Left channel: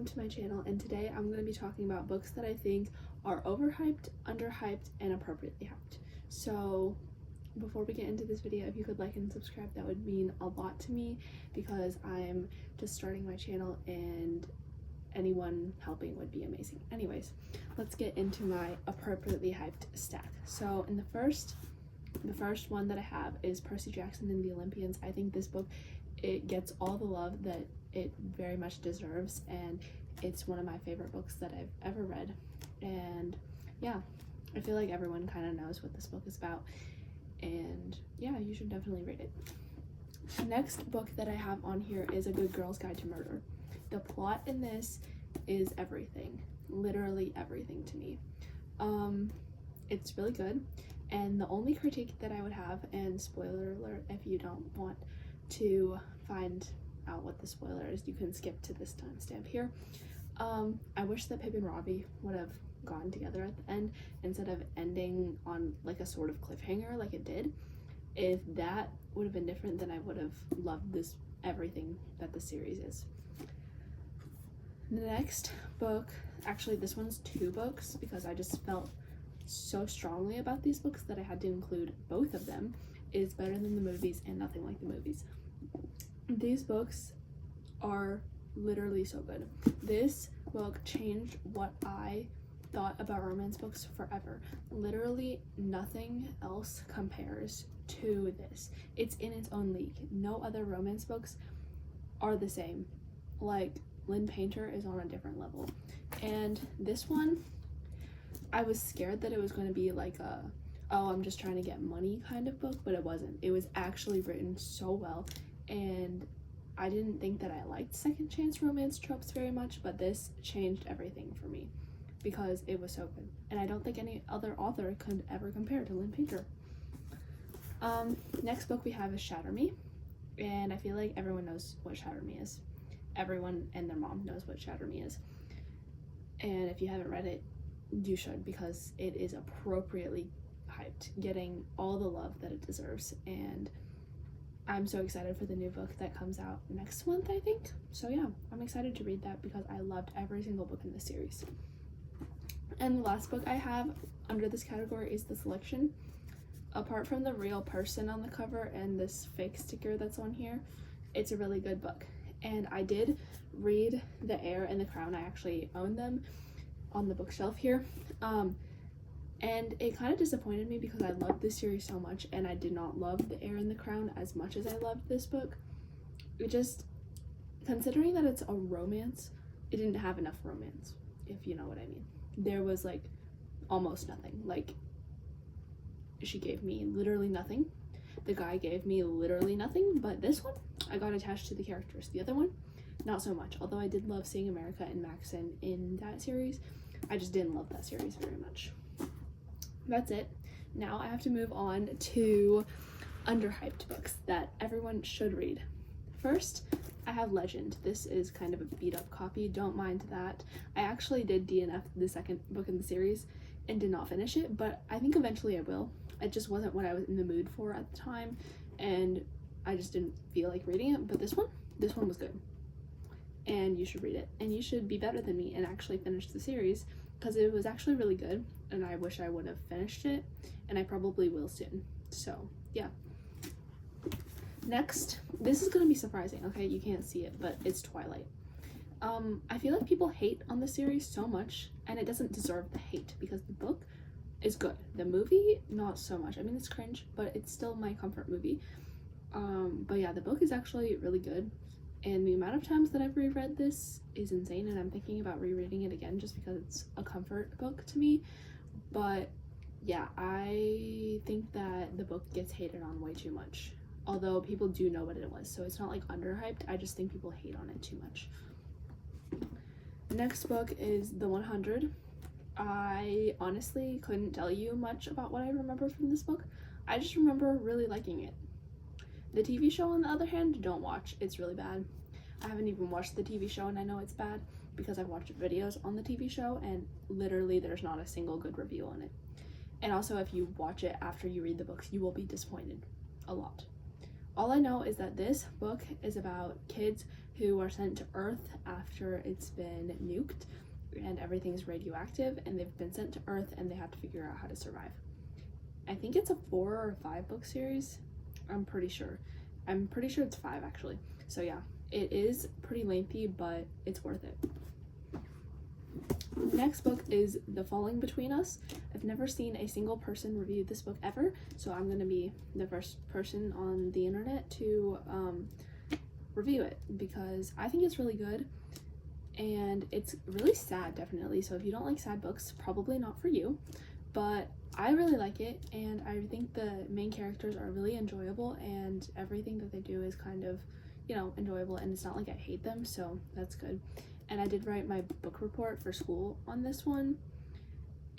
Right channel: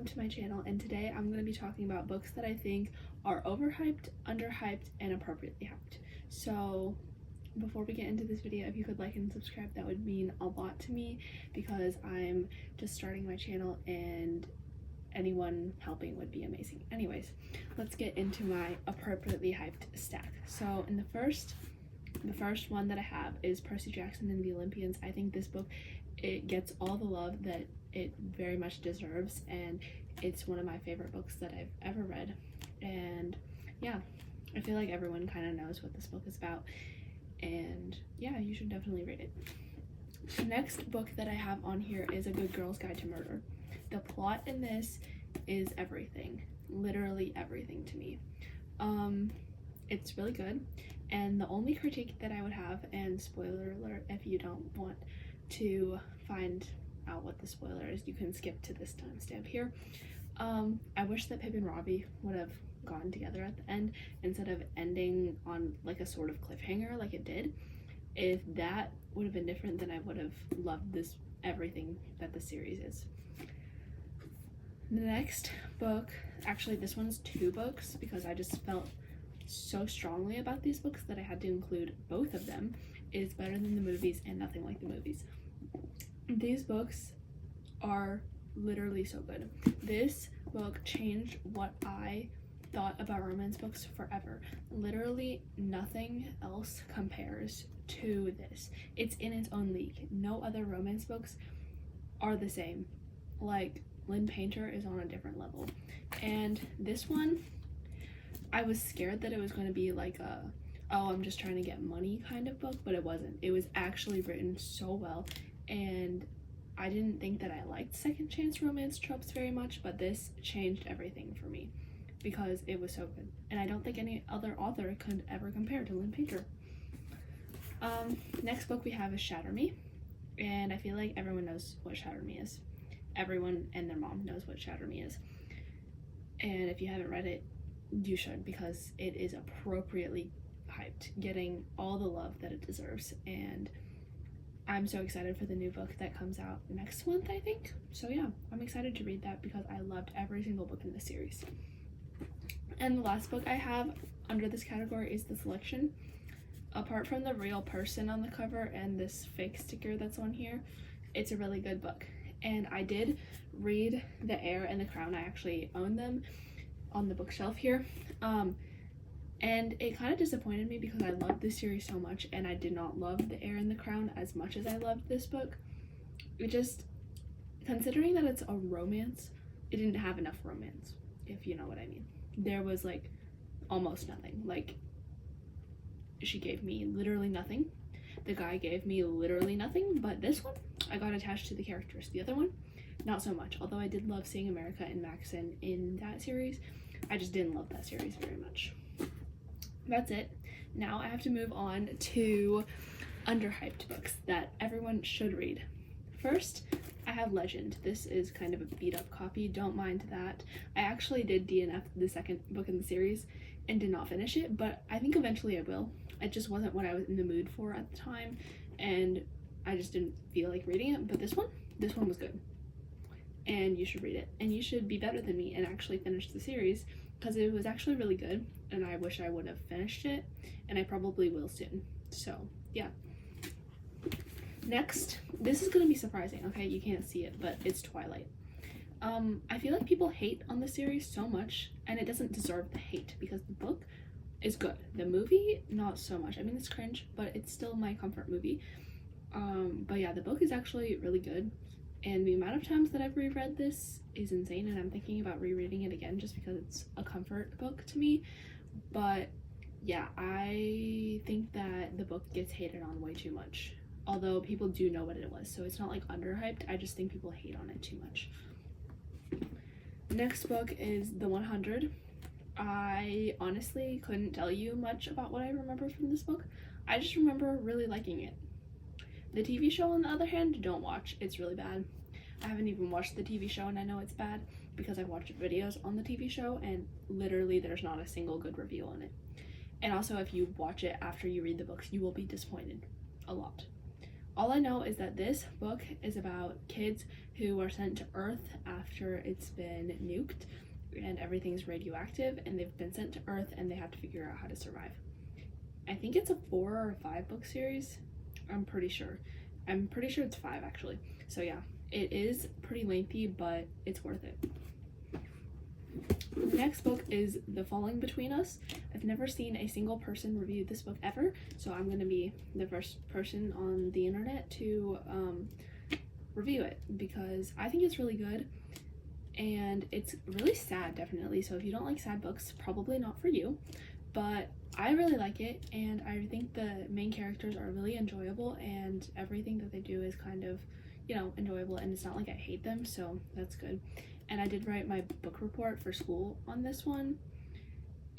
welcome to my channel, and today I'm going to be talking about books that I think are overhyped, underhyped, and appropriately hyped. So before we get into this video, if you could like and subscribe, that would mean a lot to me because I'm just starting my channel and anyone helping would be amazing. Anyways, let's get into my appropriately hyped stack. So in the first one that I have is Percy Jackson and the Olympians. I think this book, it gets all the love that it very much deserves, and it's one of my favorite books that I've ever read. And yeah, I feel like everyone kind of knows what this book is about, and yeah, you should definitely read it. The next book that I have on here is A Good Girl's Guide to Murder. The plot in this is everything, literally everything to me. It's really good, and the only critique that I would have, and spoiler alert if you don't want to find out what the spoiler is, you can skip to this timestamp here. I wish that Pip and Robbie would have gotten together at the end instead of ending on like a sort of cliffhanger like it did. If that would have been different, then I would have loved this, everything that the series is. The next book, actually this one's two books because I just felt so strongly about these books that I had to include both of them, is Better Than the Movies and Nothing Like the Movies. These books are literally so good. This book changed what I thought about romance books forever. Literally nothing else compares to this. It's in its own league. No other romance books are the same. Like, Lynn Painter is on a different level. And this one, I was scared that it was going to be like a, oh, I'm just trying to get money kind of book, but it wasn't. It was actually written so well, and I didn't think that I liked second chance romance tropes very much, but this changed everything for me because it was so good, and I don't think any other author could ever compare to Lynn Painter. Next book we have is Shatter Me, and I feel like everyone knows what Shatter Me is. Everyone and their mom knows what Shatter Me is, and if you haven't read it, you should, because it is appropriately hyped, getting all the love that it deserves, and I'm so excited for the new book that comes out next month, I think. So yeah, I'm excited to read that because I loved every single book in the series. And the last book I have under this category is The Selection. Apart from the real person on the cover and this fake sticker that's on here, it's a really good book. And I did read The Heir and the Crown. I actually own them on the bookshelf here. And it kind of disappointed me because I loved this series so much, and I did not love The Heir and the Crown as much as I loved this book. It just, considering that it's a romance, it didn't have enough romance, if you know what I mean. There was like almost nothing. Like, she gave me literally nothing. The guy gave me literally nothing, but this one, I got attached to the characters. The other one, not so much. Although I did love seeing America and Maxon in that series, I just didn't love that series very much. That's it. Now I have to move on to underhyped books that everyone should read. First, I have Legend. This is kind of a beat up copy, don't mind that. I actually did DNF the second book in the series and did not finish it, but I think eventually I will. It just wasn't what I was in the mood for at the time, and I just didn't feel like reading it. But this one was good, and you should read it, and you should be better than me and actually finish the series because it was actually really good, and I wish I would have finished it, and I probably will soon. So yeah. Next, this is gonna be surprising, okay? You can't see it, but it's Twilight. I feel like people hate on the series so much, and it doesn't deserve the hate because the book is good. The movie, not so much. I mean, it's cringe, but it's still my comfort movie. But yeah, the book is actually really good, and the amount of times that I've reread this is insane, and I'm thinking about rereading it again just because it's a comfort book to me. But yeah, I think that the book gets hated on way too much, although people do know what it was, so it's not like underhyped. I just think people hate on it too much. Next book is The 100. I honestly couldn't tell you much about what I remember from this book. I just remember really liking it. The TV show, on the other hand, don't watch. It's really bad. I haven't even watched the TV show, and I know it's bad because I've watched videos on the TV show, and literally there's not a single good review on it. And also, if you watch it after you read the books, you will be disappointed a lot. All I know is that this book is about kids who are sent to Earth after it's been nuked and everything's radioactive, and they've been sent to Earth and they have to figure out how to survive. I think it's a 4 or 5 book series. I'm pretty sure it's 5 actually. So yeah, it is pretty lengthy, but it's worth it. The next book is The Falling Between Us. I've never seen a single person review this book ever, so I'm going to be the first person on the internet to review it because I think it's really good, and it's really sad, definitely. So if you don't like sad books, probably not for you, but I really like it, and I think the main characters are really enjoyable, and everything that they do is kind of, you know, enjoyable, and it's not like I hate them, so that's good. And I did write my book report for school on this one,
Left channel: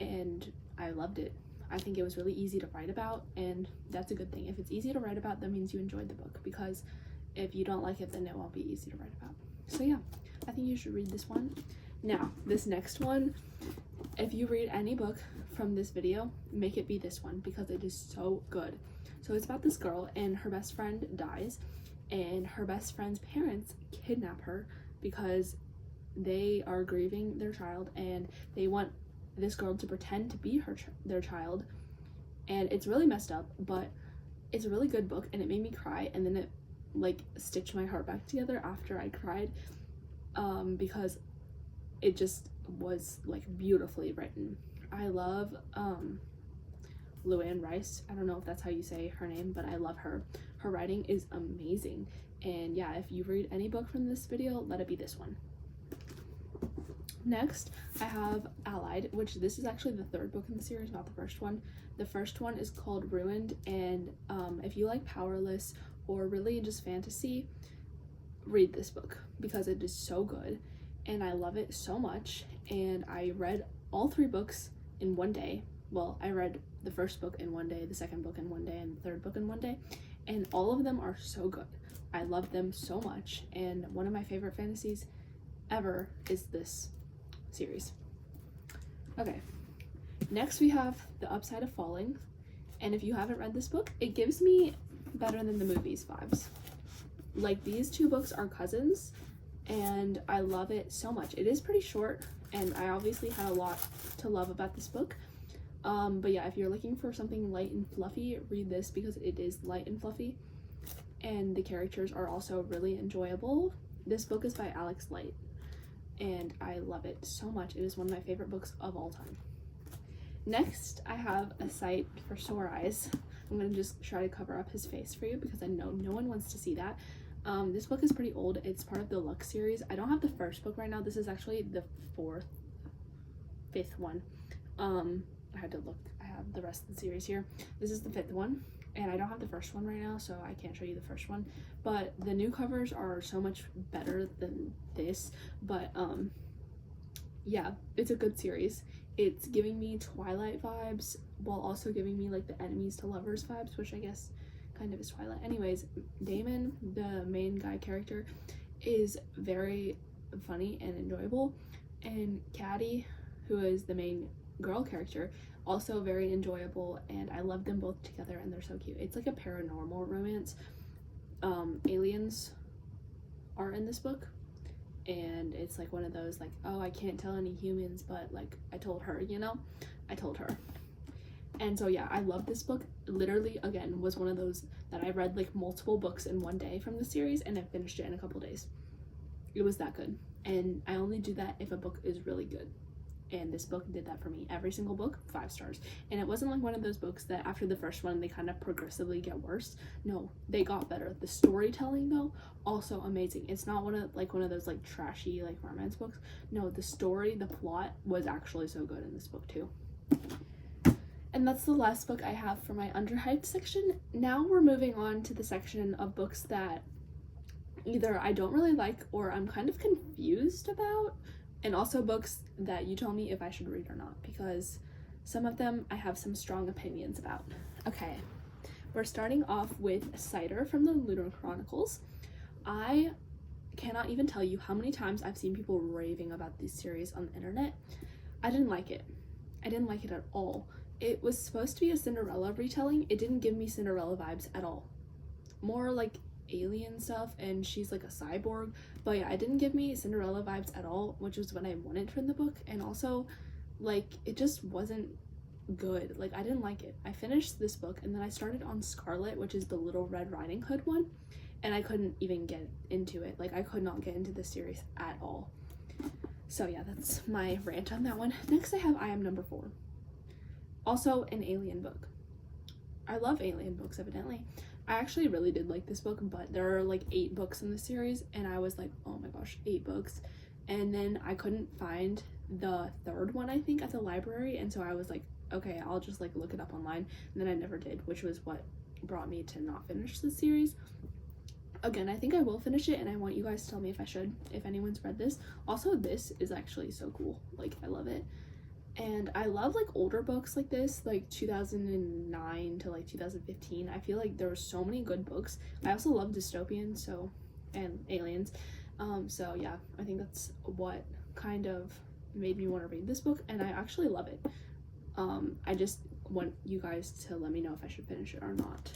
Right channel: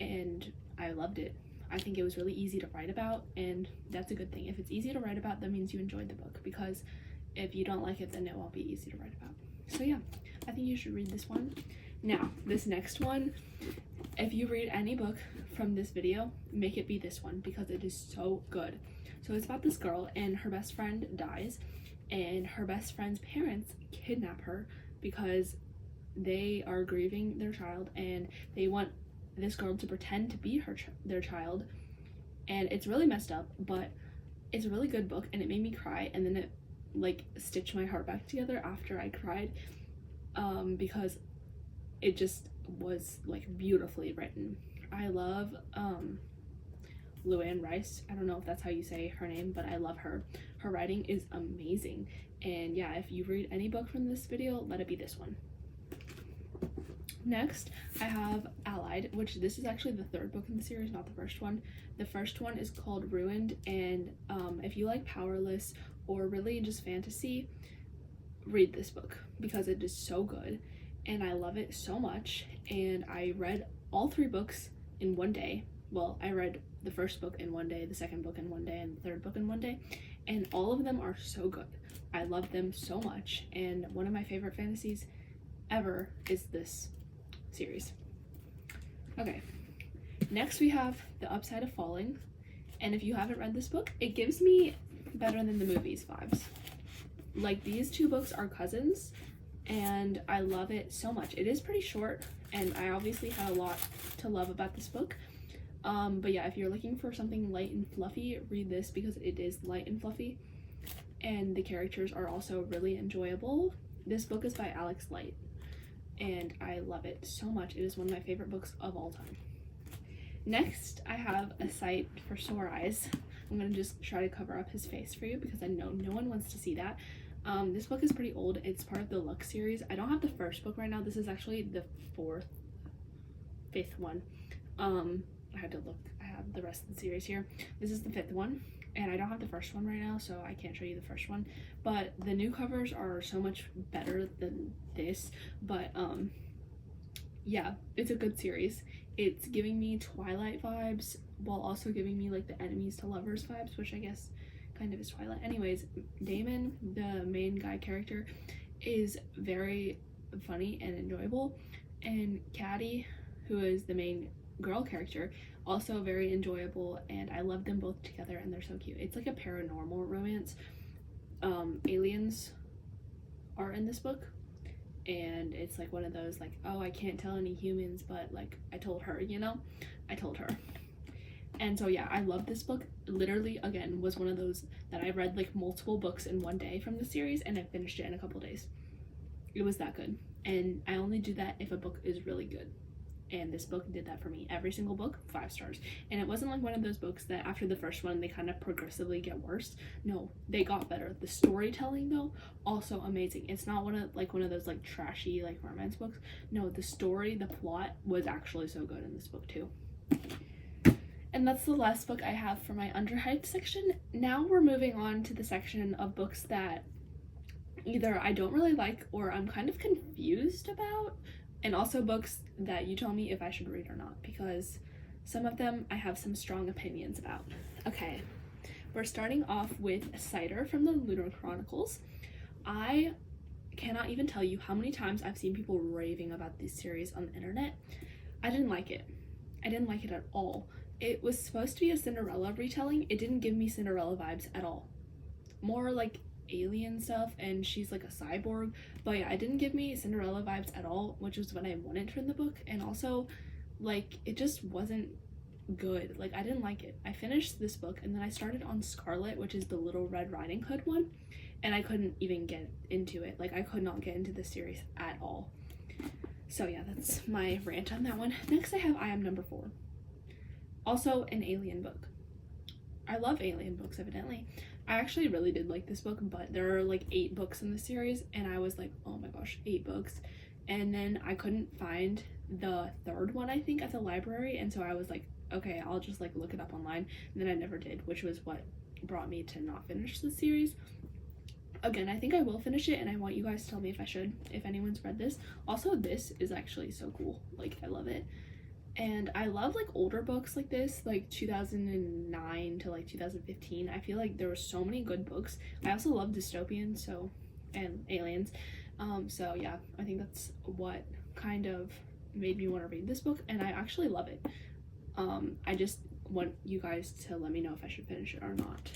and I loved it. I think it was really easy to write about, and that's a good thing. If it's easy to write about, that means you enjoyed the book, because if you don't like it, then it won't be easy to write about. So yeah, I think you should read this one. Now, this next one, if you read any book from this video, make it be this one, because it is so good. So it's about this girl, and her best friend dies, and her best friend's parents kidnap her because they are grieving their child, and they want this girl to pretend to be their child, and it's really messed up, but it's a really good book, and it made me cry, and then it like stitched my heart back together after I cried, because it just was like beautifully written. I love Luann Rice. I don't know if that's how you say her name, but I love her. Her writing is amazing, and yeah, if you read any book from this video, let it be this one. Next, I have Allied, which this is actually the 3rd book in the series, not the first one. The first one is called Ruined, and if you like Powerless or really just fantasy, read this book because it is so good, and I love it so much. And I read all 3 books in one day. Well, I read the first book in one day, the second book in one day, and the 3rd book in one day, and all of them are so good. I love them so much, and one of my favorite fantasies ever is this series. Okay, next we have The Upside of Falling, and if you haven't read this book, it gives me Better Than the Movies vibes. Like, these 2 books are cousins, and I love it so much. It is pretty short, and I obviously had a lot to love about this book, but yeah, if you're looking for something light and fluffy, read this because it is light and fluffy, and the characters are also really enjoyable. This book is by Alex Light, and I love it so much. It is one of my favorite books of all time. Next, I have A Sight for Sore Eyes. I'm gonna just try to cover up his face for you because I know no one wants to see that. This book is pretty old. It's part of the Lux series. I don't have the first book right now. This is actually the 5th one. I had to look. I have the rest of the series here. This is the 5th one, and I don't have the first one right now, so I can't show you the first one. But the new covers are so much better than this. But yeah, it's a good series. It's giving me Twilight vibes while also giving me like the enemies to lovers vibes, which I guess kind of is Twilight. Anyways, Damon, the main guy character, is very funny and enjoyable, and Caddy, who is the main girl character, also very enjoyable, and I love them both together, and they're so cute. It's like a paranormal romance. Aliens are in this book, and it's like one of those like, oh, I can't tell any humans, but like I told her, you know, I told her. And so yeah, I love this book. Literally, again, was one of those that I read like multiple books in one day from the series, and I finished it in a couple days. It was that good, and I only do that if a book is really good, and this book did that for me. Every single book, 5 stars. And it wasn't like one of those books that after the first one they kind of progressively get worse. No, they got better. The storytelling though, also amazing. It's not one of those like trashy like romance books. No, the story, the plot was actually so good in this book too. And that's the last book I have for my underhyped section. Now we're moving on to the section of books that either I don't really like or I'm kind of confused about, and also books that you tell me if I should read or not, because some of them I have some strong opinions about. Okay, we're starting off with Cider from the Lunar Chronicles. I cannot even tell you how many times I've seen people raving about this series on the internet. I didn't like it. I didn't like it at all. It was supposed to be a Cinderella retelling. It didn't give me Cinderella vibes at all. More like alien stuff and she's like a cyborg. But yeah, it didn't give me Cinderella vibes at all, which was what I wanted from the book. And also, like, it just wasn't good. Like, I didn't like it. I finished this book and then I started on Scarlet, which is the Little Red Riding Hood one, and I couldn't even get into it. Like, I could not get into this series at all. So yeah, that's my rant on that one. Next I have I Am Number 4. Also an alien book. I love alien books, evidently. I actually really did like this book, but there are like 8 books in the series and I was like, oh my gosh, 8 books. And then I couldn't find the 3rd one, I think, at the library, and so I was like, okay, I'll just like look it up online, and then I never did, which was what brought me to not finish the series. Again, I think I will finish it, and I want you guys to tell me if I should, if anyone's read this. Also, this is actually so cool. Like, I love it. And I love like older books like this, like 2009 to like 2015. I feel like there were so many good books. I also love dystopian, so, and aliens. So yeah, I think that's what kind of made me want to read this book, and I actually love it. I just want you guys to let me know if I should finish it or not.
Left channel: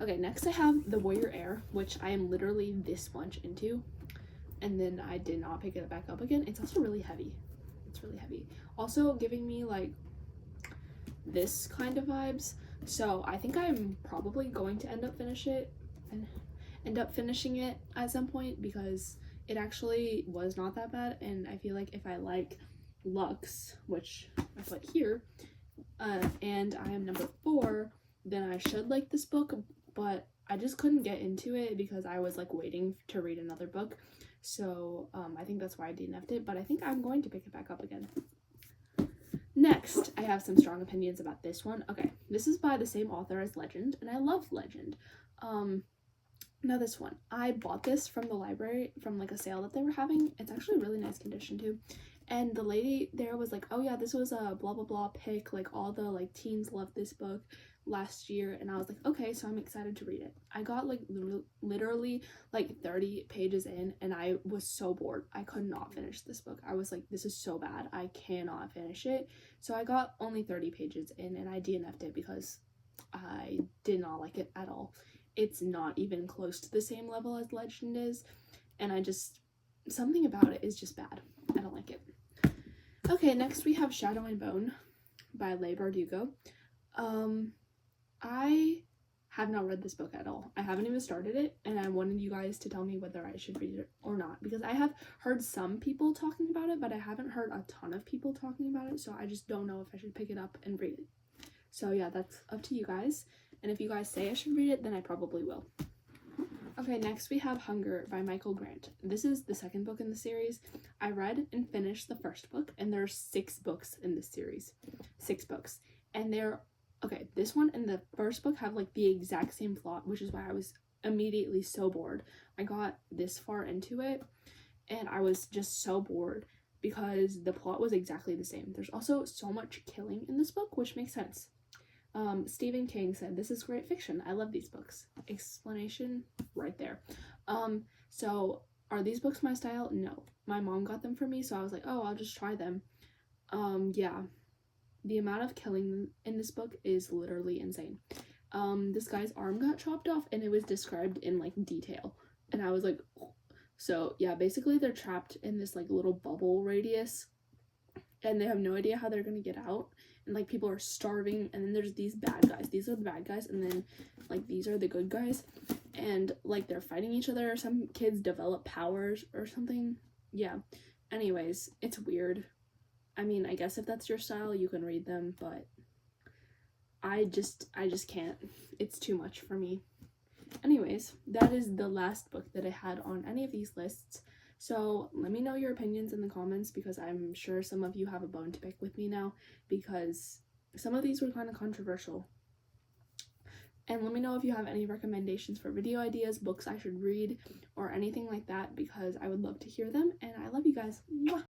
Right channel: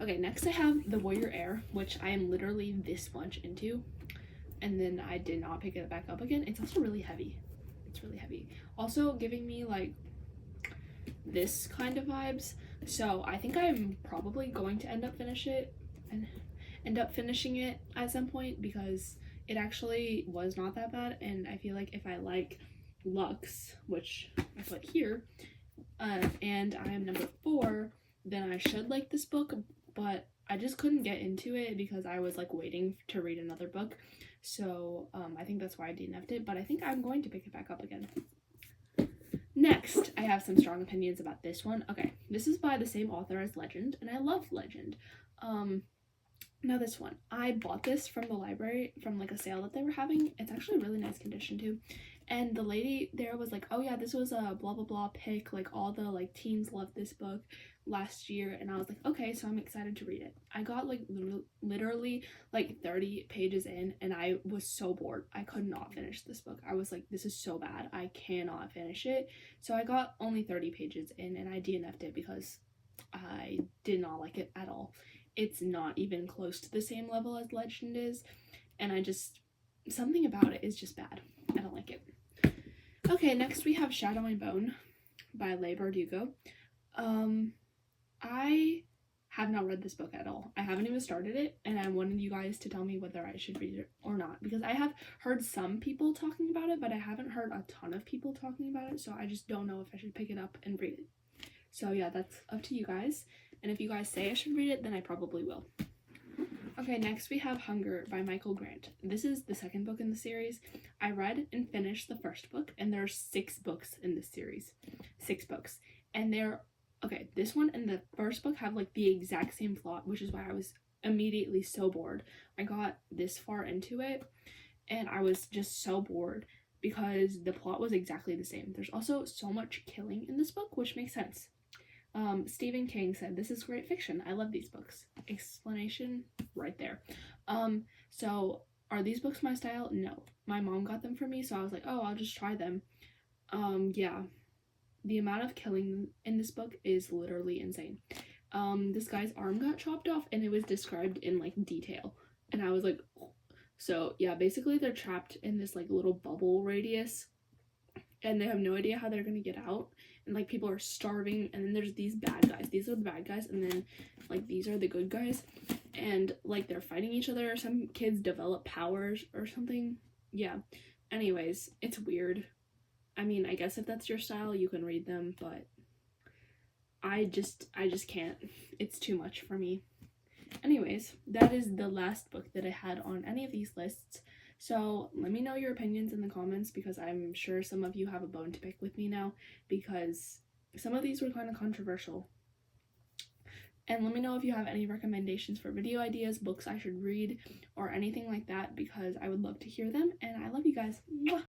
Okay, next I have The Warrior Heir, which I am literally this much into, and then I did not pick it back up again. It's also really heavy. It's really heavy. Also giving me like this kind of vibes. So I think I'm probably going to end up finishing it at some point, because it actually was not that bad, and I feel like if I like Lux, which I put here, and I Am Number 4, then I should like this book, but I just couldn't get into it because I was like waiting to read another book. So I think that's why I DNF'd it, but I think I'm going to pick it back up again. Next, I have some strong opinions about this one. Okay, this is by the same author as Legend, and I love Legend. Now this one, I bought this from the library from like a sale that they were having. It's actually really nice condition too. And the lady there was like, oh yeah, this was a blah blah blah pick, like all the like teens loved this book last year. And I was like, okay, so I'm excited to read it. I got like literally like 30 pages in and I was so bored. I could not finish this book. I was like, this is so bad, I cannot finish it. So I got only 30 pages in and I DNF'd it because I did not like it at all. It's not even close to the same level as Legend is, and I just, something about it is just bad. I don't like it. Okay, next we have Shadow and Bone by Leigh Bardugo. I have not read this book at all. I haven't even started it, and I wanted you guys to tell me whether I should read it or not, because I have heard some people talking about it, but I haven't heard a ton of people talking about it, so I just don't know if I should pick it up and read it. So yeah, that's up to you guys. And if you guys say I should read it, then I probably will. Okay, next we have Hunger by Michael Grant. This is the 2nd book in the series. I read and finished the 1st book, and there are 6 books in this series. 6 books. And they're, okay, this one and the 1st book have like the exact same plot, which is why I was immediately so bored. I got this far into it, and I was just so bored because the plot was exactly the same. There's also so much killing in this book, which makes sense. Stephen King said, "This is great fiction. I love these books." Explanation right there. So are these books my style? No. My mom got them for me, so I was like, oh, I'll just try them. Yeah. The amount of killing in this book is literally insane. This guy's arm got chopped off, and it was described in like detail. And I was like, oh. So yeah, basically they're trapped in this like little bubble radius, and they have no idea how they're gonna get out. And like people are starving, and then there's these bad guys. These are the bad guys, and then like these are the good guys, and like they're fighting each other. Some kids develop powers or something. Yeah. Anyways, it's weird. I mean, I guess if that's your style, you can read them, but I just can't. It's too much for me. Anyways, that is the last book that I had on any of these lists. So let me know your opinions in the comments, because I'm sure some of you have a bone to pick with me now, because some of these were kind of controversial. And let me know if you have any recommendations for video ideas, books I should read, or anything like that, because I would love to hear them. And I love you guys. Mwah!